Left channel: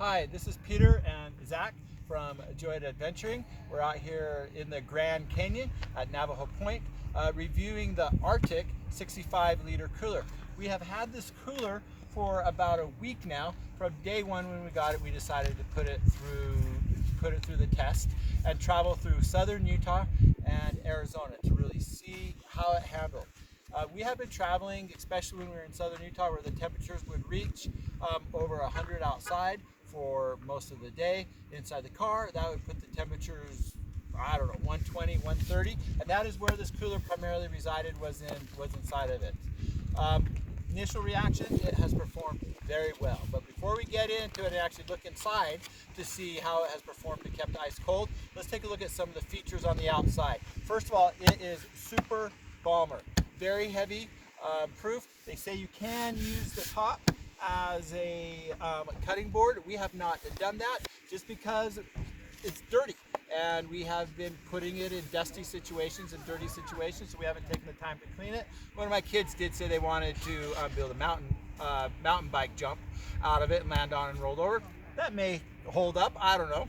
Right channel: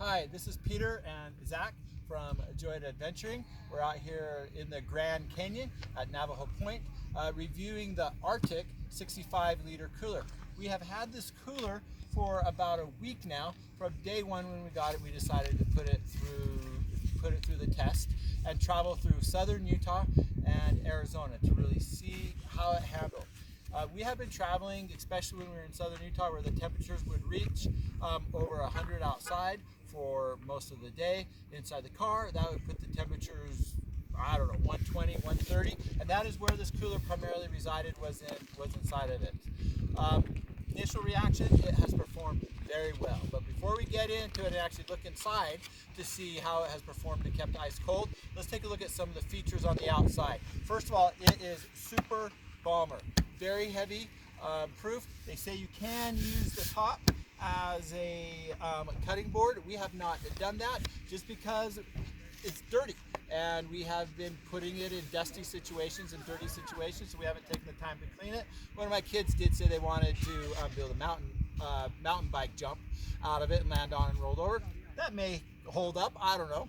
Hi, this is Peter and Zach from Enjoyed Adventuring. We're out here in the Grand Canyon at Navajo Point reviewing the RTIC 65-liter cooler. We have had this cooler for about a week now. From day one when we got it, we decided to put it through the test and travel through southern Utah and Arizona to really see how it handled. We have been traveling, especially when we were in southern Utah, where the temperatures would reach over 100 outside for most of the day. Inside the car, that would put the temperatures, I don't know, 120, 130, and that is where this cooler primarily resided, was inside of it. Initial reaction, it has performed very well. But before we get into it and actually look inside to see how it has performed and kept ice cold, let's take a look at some of the features on the outside. First of all, it is super bomber. Very heavy proof. They say you can use the top as a cutting board. We have not done that just because it's dirty, and we have been putting it in dusty situations and dirty situations, so we haven't taken the time to clean it. One of my kids did say they wanted to build a mountain bike jump out of it and land on and rolled over. That may hold up, I don't know.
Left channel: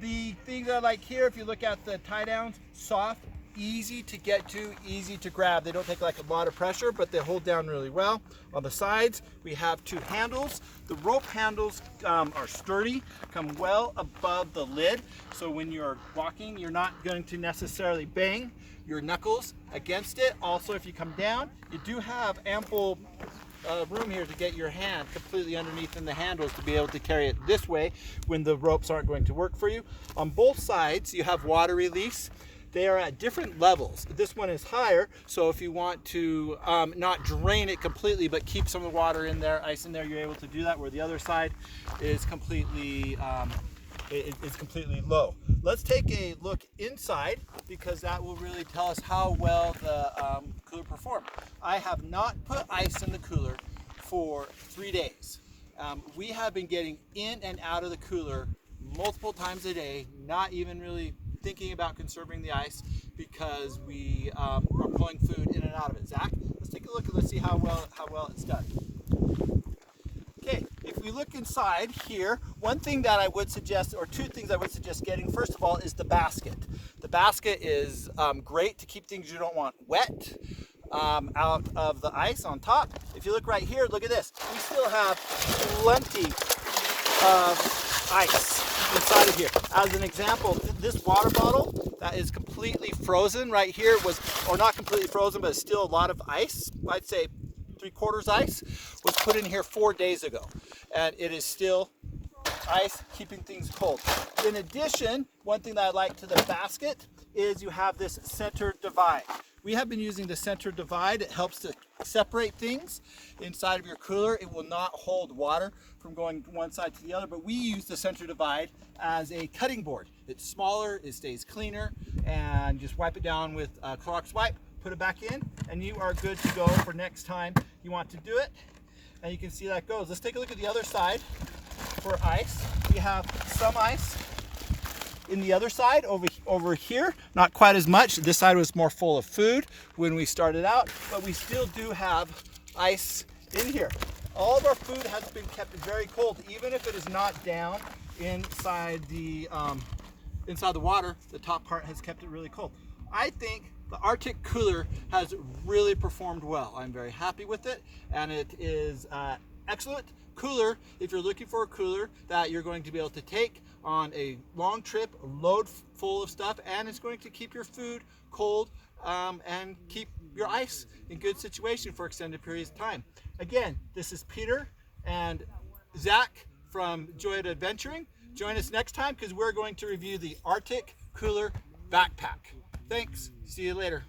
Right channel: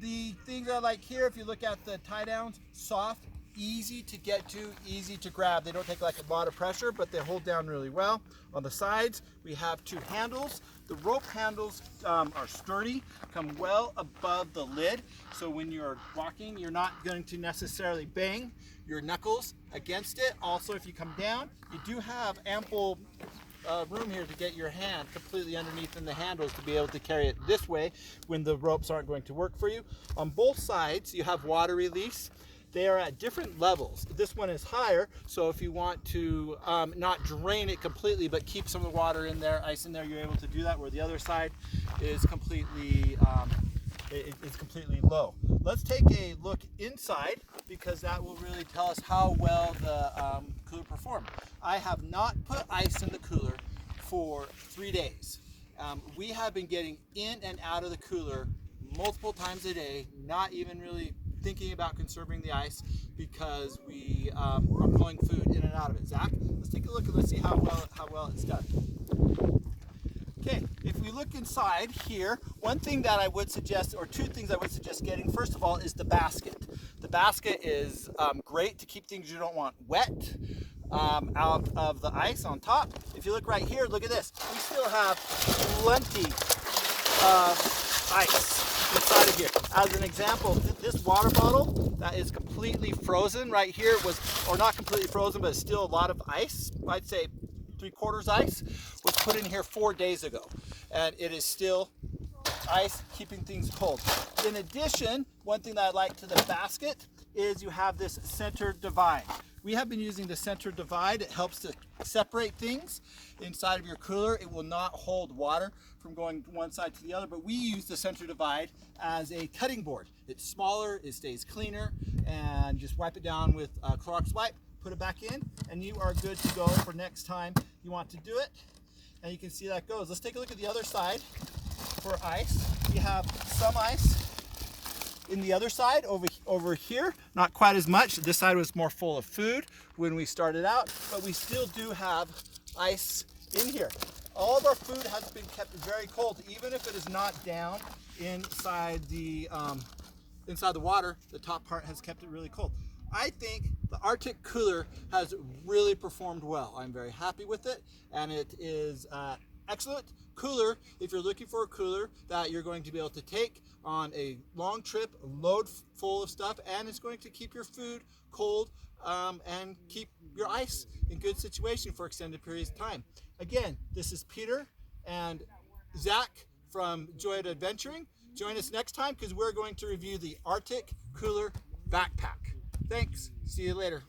The things I like here, if you look at the tie downs, soft, easy to get to, easy to grab. They don't take like a lot of pressure, but they hold down really well. On the sides, we have two handles. The rope handles are sturdy, come well above the lid, so when you're walking, you're not going to necessarily bang your knuckles against it. Also, if you come down, you do have ample room here to get your hand completely underneath in the handles to be able to carry it this way when the ropes aren't going to work for you. On both sides, you have water release. They are at different levels. This one is higher, so if you want to not drain it completely but keep some of the water in there, ice in there, you're able to do that, where the other side is completely low. Let's take a look inside, because that will really tell us how well the cooler performed. I have not put ice in the cooler for 3 days. We have been getting in and out of the cooler multiple times a day, not even really thinking about conserving the ice, because we are pulling food in and out of it. Zach, let's take a look and let's see how well it's done. Okay, if we look inside here, one thing that I would suggest, or two things I would suggest getting, first of all, is the basket. The basket is great to keep things you don't want wet out of the ice on top. If you look right here, look at this. We still have plenty of ice inside of here. As an example, this water bottle that is completely frozen right here was, or not completely frozen, but still a lot of ice, I'd say 3/4 ice, was put in here 4 days ago, and it is still ice, keeping things cold. In addition, one thing that I like to the basket is you have this center divide. We have been using the center divide. It helps to separate things inside of your cooler. It will not hold water from going one side to the other, but we use the center divide as a cutting board. It's smaller, it stays cleaner, and just wipe it down with a Clorox wipe, put it back in, and you are good to go for next time you want to do it. And you can see that goes. Let's take a look at the other side for ice. We have some ice in the other side over here, not quite as much. This side was more full of food when we started out, but we still do have ice in here. All of our food has been kept very cold, even if it is not down inside the water. The top part has kept it really cold. I think the RTIC cooler has really performed well. I'm very happy with it, and it is excellent cooler if you're looking for a cooler that you're going to be able to take on a long trip, load full of stuff, and it's going to keep your food cold and keep your ice in good situation for extended periods of time. Again, this is Peter and Zach from Enjoyed Adventuring. Join us next time, because we're going to review the RTIC Cooler Backpack. Thanks. See you later.